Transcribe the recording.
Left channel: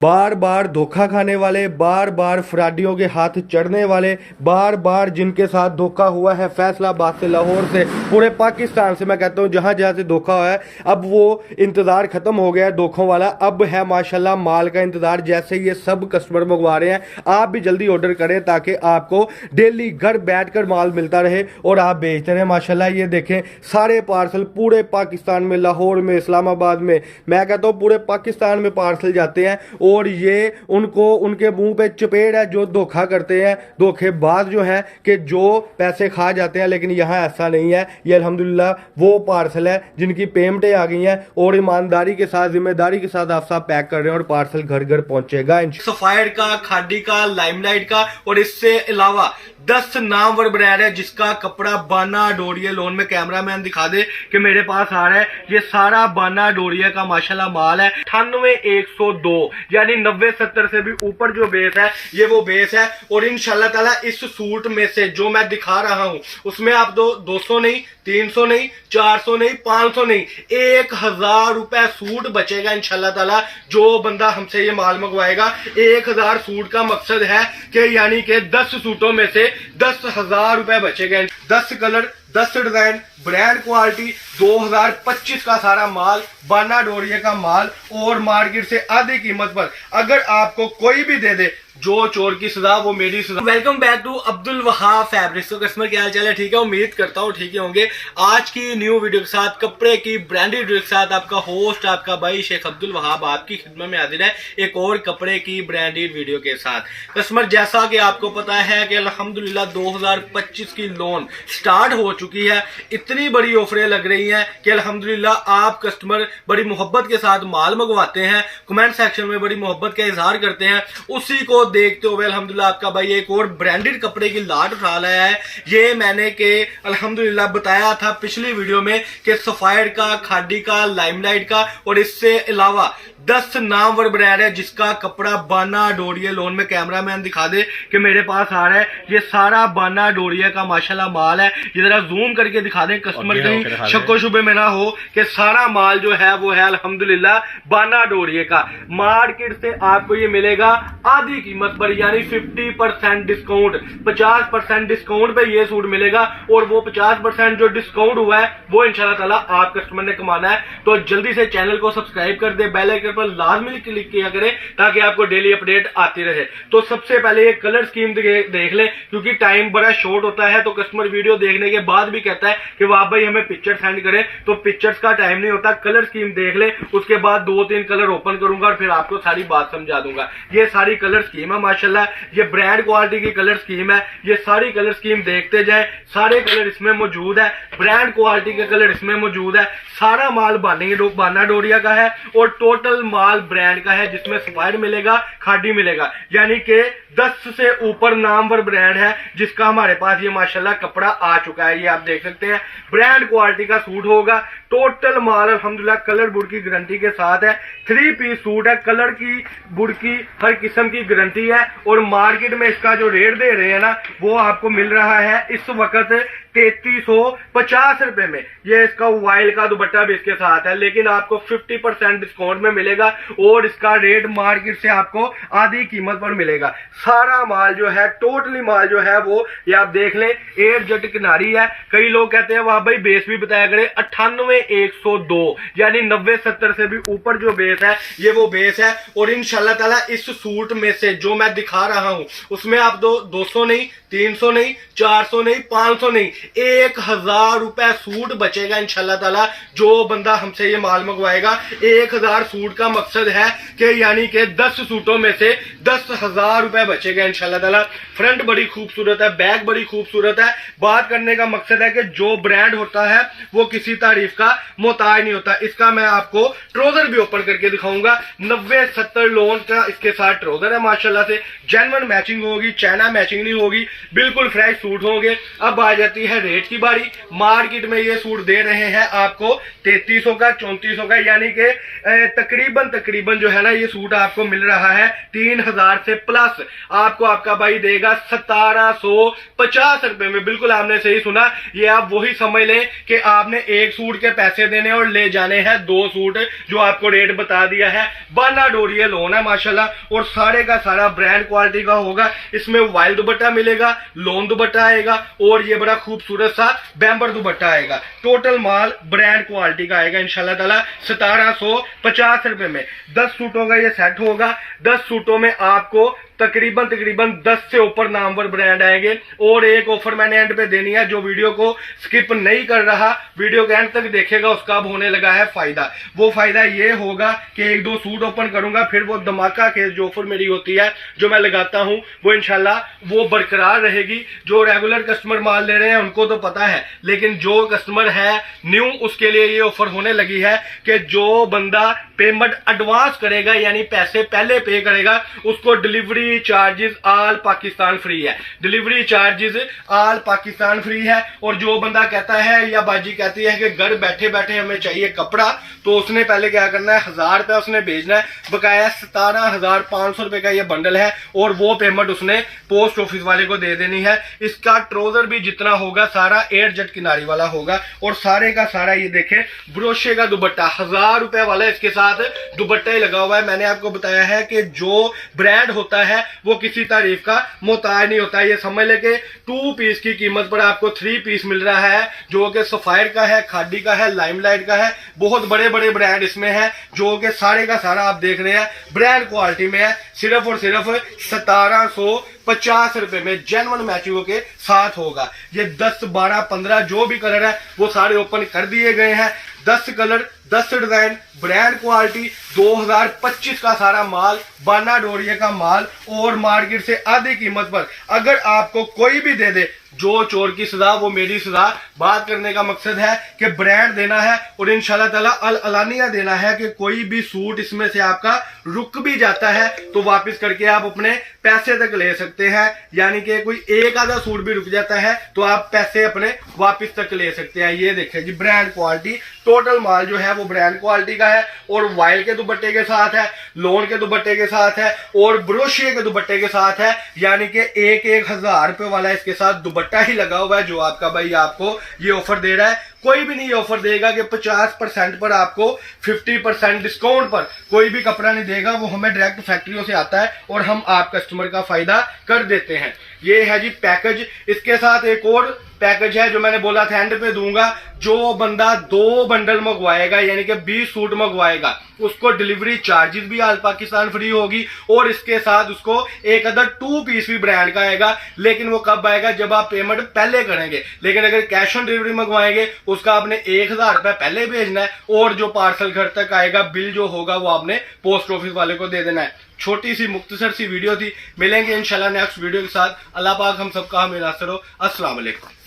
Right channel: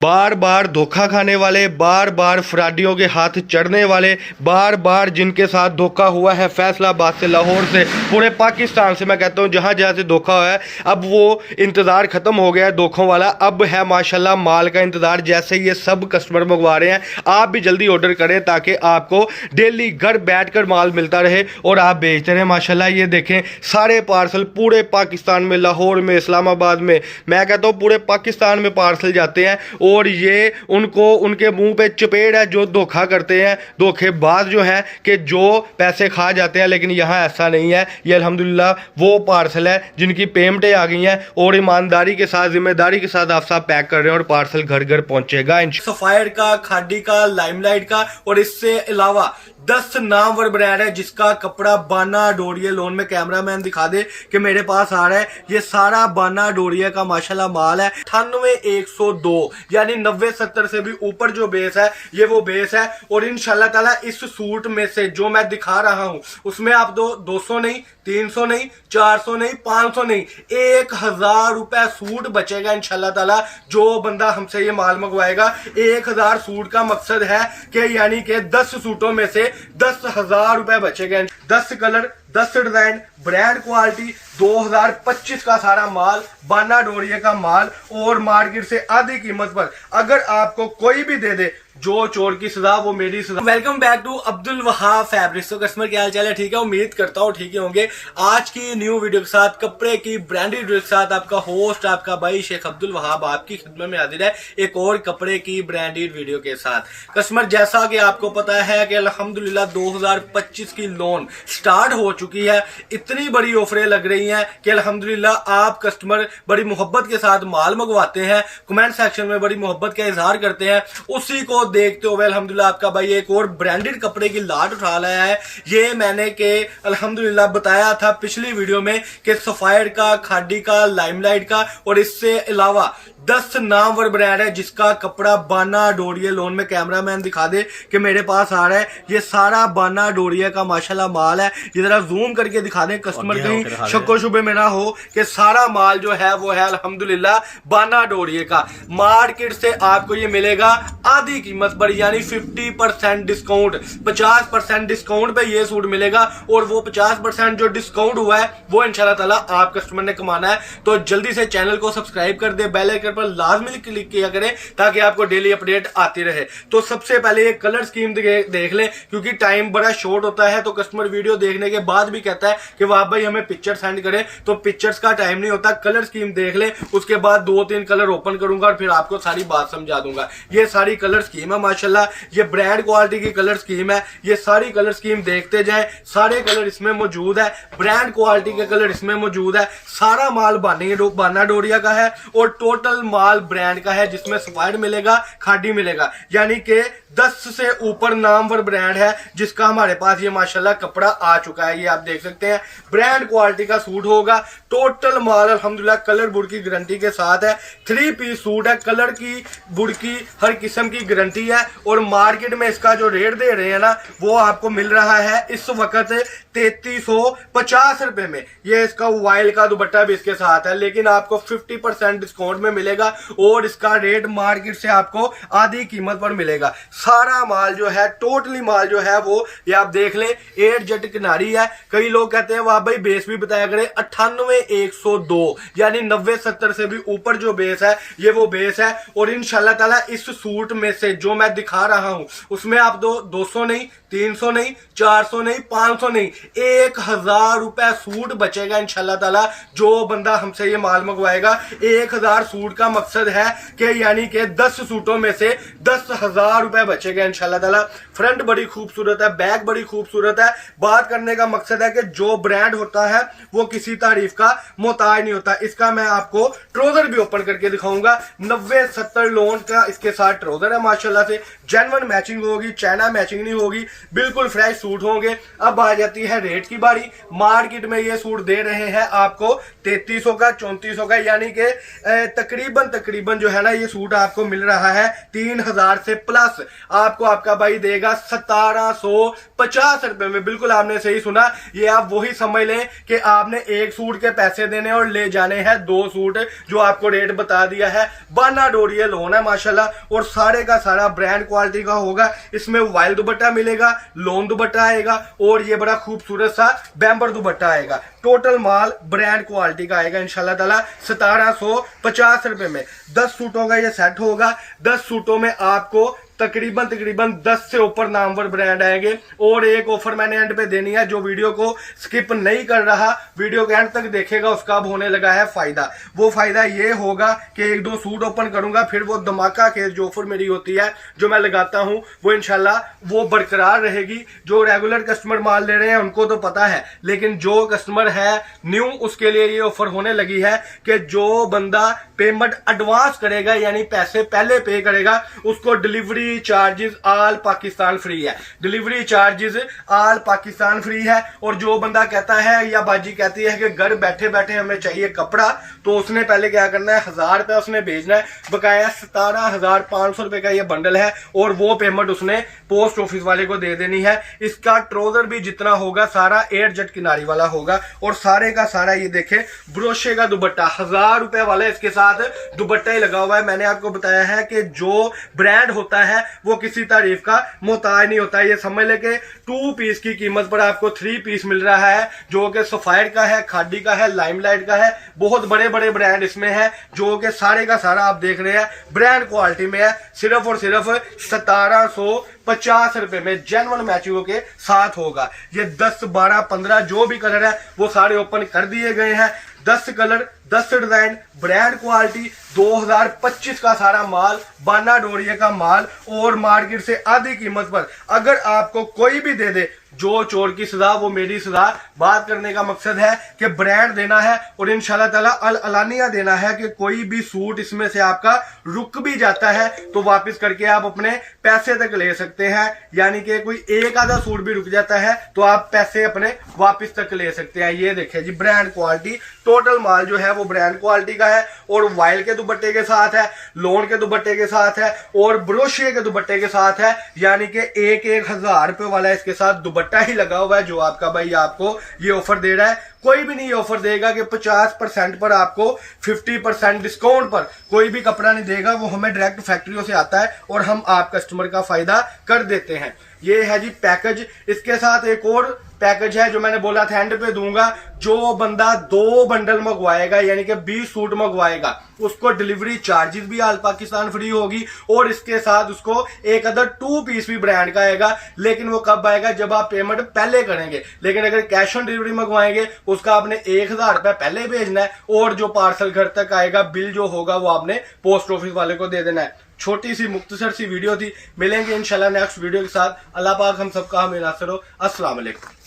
बार बार धोखा खाने वाले, बार बार फ्राडियों के हाथ चढ़ने वाले, बार बार जिनके साथ धोखा हुआ है फैसलाबाद से, लाहौर से, पूरे पाकिस्तान से, मैं कहता हूँ जहाँ जहाँ से धोखा हुआ है, अब वो इंतज़ार ख़त्म हो गया है धोखों वाला। अब है माशाल्लाह माल का इंतज़ार। जैसे ये सब कस्टमर मंगवा रहे हैं, आप भी जल्दी ऑर्डर करें ताकि आपको डेली घर बैठ कर माल मिलता रहे और आप बेचते रहें। माशाल्लाह ये देखें सारे पार्सल पूरे पाकिस्तान में, लाहौर में, इस्लामाबाद में, मैं कहता हूँ पूरे पाकिस्तान में पार्सल जाते हैं। और ये उनको उनके मुंह पे चपेट है जो धोखा करते हैं, धोखेबाज जो हैं कि जो पैसे खा जाते हैं। लेकिन यहाँ ऐसा नहीं है। ये अल्हम्दुलिल्लाह वो पार्सल है जिनकी पेमेंटें आ गई हैं और ईमानदारी के साथ, जिम्मेदारी के साथ आप सब पैक कर रहे हैं और पार्सल घर घर पहुंचेगा। सफायर का, खादी का, लाइमलाइट का और इससे अलावा 10 नामवर ब्रांड है जिसका कपड़ा बाना डोरिया, लोन में कैमरामैन दिखा दे कि मेरे पास आ रहा है। ये सारा बाना डोरिया का माशाल्लाह माल है। 98-102 यानी 90-70 से भी ऊपर जो बेस है ये वो बेस है। और इंशाल्लाह ताला इस सूट में से जो मैं दिखा रहा हूं उसमें आप 200 नहीं, 300 नहीं, 400 नहीं, 500 नहीं, 1000 रुपए सूट बचेगा इंशाल्लाह ताला। जो बंदा हमसे ये माल मंगवाएगा, 1000 सूट का मकसद है कि यानी कि 10 सूटों में से 10,000 रुपए बचेगा। 10 कलर, 10 डिजाइन, ब्रांड क्वालिटी, 2025 का सारा माल, बाना डोरिया का माल और मार्केट से आधी कीमत पर। अगर आपको कोई भी दे दे, जो चोर की सजा वो मेरी सजा। Welcome back to Abdul Wahab fabrics. तो कस्टमर क्या हाल चाल है? ठीक है, उम्मीद करता हूँ ठीक ही होंगे। आज की न्यू वीडियो के साथ, कपड़े की ब्रांडेड वीडियो के साथ, आपका होस्ट, आपका भाई शेख अब्दुल वहाब आपकी खिदमत में हाजिर है एक और कपड़े की ब्रांडेड वीडियो के साथ। कस्टमर जैसा कि आपको पता है कि अल्हम्दुलिल्लाह 2025 की लोन स्टार्ट हो चुकी है। इतनी बड़ी ऑफरें लग रही हैं कि अल्हम्दुलिल्लाह आप कस्टमर बड़ी मोहब्बत के साथ माल मंगवाते हैं, कमेंट सेक्शन में बड़ी मोहब्बत का इजहार करते हैं। उसी को देखते हुए अल्हम्दुलिल्लाह आपका भाई एक और ब्रांडेड कपड़े की लाट उठा लाया है। ये मैंने के अल्हम्दुलिल्लाह बताया था पिछली वीडियो में कि सफायर का, खादी का, लाइमलाइट का और इससे अलावा 10 नामवर ब्रांड है जिसका कपड़ा बाना डोरिया, लोन में कैमरामैन दिखा दे कि मेरे पास आ रहा है। ये सारा बाना डोरिया का माशाल्लाह माल है। ये जरा जूम करके दिखा दें कस्टमर, कहीं शक्को शुबे में ना हो कि सारा माल जो है वो है अल्हम्दुलिल्लाह बाना डोरिया का। मार्केट से आपको ये मिलेगा आधी कीमत पर, यानी 50% डिस्काउंट, 50% डिस्काउंट पे ये सूट मिलेगा। और वो 50% जो डिस्काउंट हुआ है वो इंशाल्लाह ताला आप कस्टमर ने कमाना है। तो जल्दी से चैनल को सब्सक्राइब कर दे, बेल आइकन पर लाजमी क्लिक किया करें ताकि आपको डेली अपडेट आती रहे। तो सबसे पहले ये कलर स्कीम देख लें क्योंकि टाइम बड़ा शॉर्ट होता है। तो कस्टमर वीडियो देखने के बाद भी कहता है कि वाह भाई हमें पिक्चर सेंड करें, तो पिक्चर्स का टाइम नहीं होता। कलर स्कीम देख लें, उसके बाद 2-3 कलर ओपन करूंगा और फिर आपको सारी बात समझा दूंगा। ये सारी कलर स्कीम है माशाल्लाह, ये ब्रांड क्वालिटी की कलर स्कीम है। ये सारी कलर स्कीम देखते जाएं, सारे कलर इसमें मौजूद है, ब्रांड क्वालिटी के कलर इसमें मौजूद है। सारा माल बाना डोरिया का है और टोटल माल ब्रांड का है जिसमें सफायर मिलेगा, खादी मिलेगा, यानी कि 10 से ऊपर नामवर ब्रांड है जिसका हमारे पास ये माशाल्लाह कपड़ा आ चुका है। ये आप देख सकते हैं ब्रांड क्वालिटी का सूट होगा। टोटल माल अल्हम्दुलिल्लाह कलर बुड़ की गारंटी के साथ है। 3 पीस सूट है, कलर की, बुड़ की, हर किस्म की गारंटी है। और मार्केट में इसका जो रेट दे रहे हैं ना वो आपको मिल रहा है इस वक्त 3350 रुपए में। ये इसका वाइल का दुपट्टा भी इसके साथ है, लेकिन आपको 50% डिस्काउंट में मिलेगा और इसका रेट मार्केट से आपको आधी कीमत पर मिलेगा। सारा माल जो है, टोटली माल जो है वो ये आप देख लें 8 जट किनारी है। कई लोग कहते हैं वाह भाई बेस भी बताया करें, 98-102 यानी 90-70 से भी ऊपर जो बेस है ये वो बेस है। और इंशाल्लाह ताला इस सूट में से जो मैं दिखा रहा हूं उसमें आप 200 नहीं, 300 नहीं, 400 नहीं, 500 नहीं, 1000 रुपए सूट बचेगा इंशाल्लाह ताला। जो बंदा हमसे ये माल मंगवाएगा, 1000 सूट का मकसद है कि यानी कि 10 सूटों में से 10,000 रुपए बचेगा इंशाल्लाह ताला। फ्रंट बड़ी खूबसूरत है, बैक बड़ी खूबसूरत है। बात करने का मकसद है कि जो ब्रांड होता है वो किसी तारीफ का मोहताज नहीं होता। इसका मैं आपको ट्राउजर भी ओपन करके दिखाऊंगा। 90-70 लोन का इसके साथ ट्राउजर है माशाल्लाह से। जेन्युइन मैचिंग होगी, चाइना मैचिंग नहीं होगी। बिल्कुल फ्रेश सूट होंगे। अब आ जाती है रेट की बारी। मार्केट में ये सूट दे रहे हैं आपको 3300 का, 3400 का, यानी कि तकरीबन जो है ना ये सूट आपको मिल रहा है 3000 से प्लस। आपको आपका भाई देगा 1750 रुपए में। बिल्कुल आपने सही सुना। ये आप वही समझ लें कि आपने एक सूट के पैसे देने और ले जाने हैं 2 सूट, जो आपको रेट बता दिया है। बाना डोरिया लोन है माशाल्लाह, और सारे का सारा ब्रांड क्वालिटी का होगा। इसमें वाइल्ड दुपट्टा मिलेगा, लोन दुपट्टा आएगा, और ये बड़ा खूबसूरत सा बैम्बर दुपट्टा आएगा। टोटल माल ब्रांड क्वालिटी का आएगा इंशाल्लाह ताला 1750 रुपए में। 10 सूटों का ये सेट होगा। 10 सूटों में आपको तकरीबन 10 से ऊपर नामवर ब्रांड आएंगे। और एक ऑफर मैंने एंड पे देनी है, जो वीडियो को स्किप नहीं कर रहा, वीडियो के एंड तक देखेगा, उसका अब होने लगा है फायदा। वो फायदा ये होगा कि 1-2 सूट ओपन करूंगा, फिर वो धमाका के जो ऑफर मेरी होती है, जो मैं लगाता हूं, वो इंशाल्लाह वो बरकरार रहेगी। जो रेगुलर कस्टमर माल ले रहे हैं उनको तो पता है, लेकिन जो कस्टमर है न्यू, उसके लिए ये ऑफर होने लगी है कि जो बंदा पेमेंट एडवांस करेगा, यानी पैसे पहले पे करेगा, उसको delivery charges all Pakistan free है। Delivery charges all Pakistan free है। और जो बंदा कहता है या बाजी कहती है कि घर बैठे बैठे हमें चाहिए कपड़ा, तो उसने पहले क्या करना है, 1000 रुपया उसने भेजना है। बकाया 17,500 रुपए का ये बंडल है, और वो पेमेंट उसने पोस्ट ऑफिस वाले को दे देनी है। इसका ट्राउजर भी जितना होगा सारा एयर जेट किनारी वाला होगा, और सारे का सारा ये देखे ब्रोशे का दुपट्टा 1000 रुपए वाला इसके साथ दुपट्टा ही लगा हुआ है। मैंने आपको बताया है कि जो ब्रांड होता है वो किसी तारीफ का मोहताज नहीं होता। ये समझ ले कि 2 पीस की कीमत पर आपको 3 पीस मिल रहा है, जो कि सफायर का है, खादी का है, लाइमलाइट का है। बहुत बड़े बड़े ब्रांड इसमें है, जो कि सारे का सारा आप देख रहे हैं ब्रांड क्वालिटी में है। सिर्फ और सिर्फ 1750 रुपए में जेन्युइन मैचिंग के साथ होगा। ये 10, 12, 15 जो भी कलर है वो सारे ओपन कर दिए गए हैं। 10 कलर, 10 डिजाइन, ब्रांड क्वालिटी, 2025 का सारा माल, बाना डोरिया का माल, और मार्केट से आधी कीमत पर। अगर आपको कोई भी दे दे, जो चोर की सजा वो मेरी सजा। बात करने का मकसद है कि ब्रांड देना है, और इंशाल्लाह ताला अलानिया देना है कि कोई भी सूट इसमें से आपका रुक भी जाता है तो वापस करके आप अपने पैसे तक ले सकते हैं। यानी कि कोई एक आधा सूट भी रुक जाता है तो आप पैसे अपने वापस तक ले सकते हैं। ये देखें जी, ब्रांड क्वालिटी, टोटल माल जो है वो ब्रांड क्वालिटी का है, और वाइल के दुपट्टे के साथ है, लोन के दुपट्टे के साथ है, और ब्रोशिया के दुपट्टे के साथ है। यानी कि 1000 रुपए वाला इसके साथ दुपट्टा ही लगा हुआ है, जो आपका भाई आपको ये ऑफर दे रहा है। कोई भी नहीं ये ऑफर देगा कि 50% पर आपको 50% डिस्काउंट पर कोई भी कपड़ा नहीं देगा। वो हमें डायरेक्ट फैक्ट्रियों से आता है, और हम आप कस्टमर का फायदा कर देते हैं। ये है जी पैकेज। इसके साथ एक और पैकेज है जो मैंने बोला था एंड पे दूंगा। जो बंदा 2 बंडल मंगवाएगा, यानी कि 20 सूट मंगवाएगा, उसको डिलीवरी चार्जेस भी ऑल पाकिस्तान फ्री होगी, और इसके साथ उसको एक अदर 2 पीस भी ब्रांड का आएगा। लेकिन वो कब आएगा, जब आप पेमेंट पहले करेंगे। लेकिन अगर कैश ऑन डिलीवरी मंगवाएंगे, उसका आपने 1000 रुपया पहले भेजना है, और जो पार्सल घर तक आएगा, बिल जो होगा वो आपने पोस्ट ऑफिस वाले को दे देना है। छोटी सी मुख्तसर सी वीडियो थी। मिलेंगे इंशाल्लाह नेक्स्ट वीडियो के साथ। अल्लाह पाक हम सबका हमें नासर हो। अस्सलाम वालेकुम।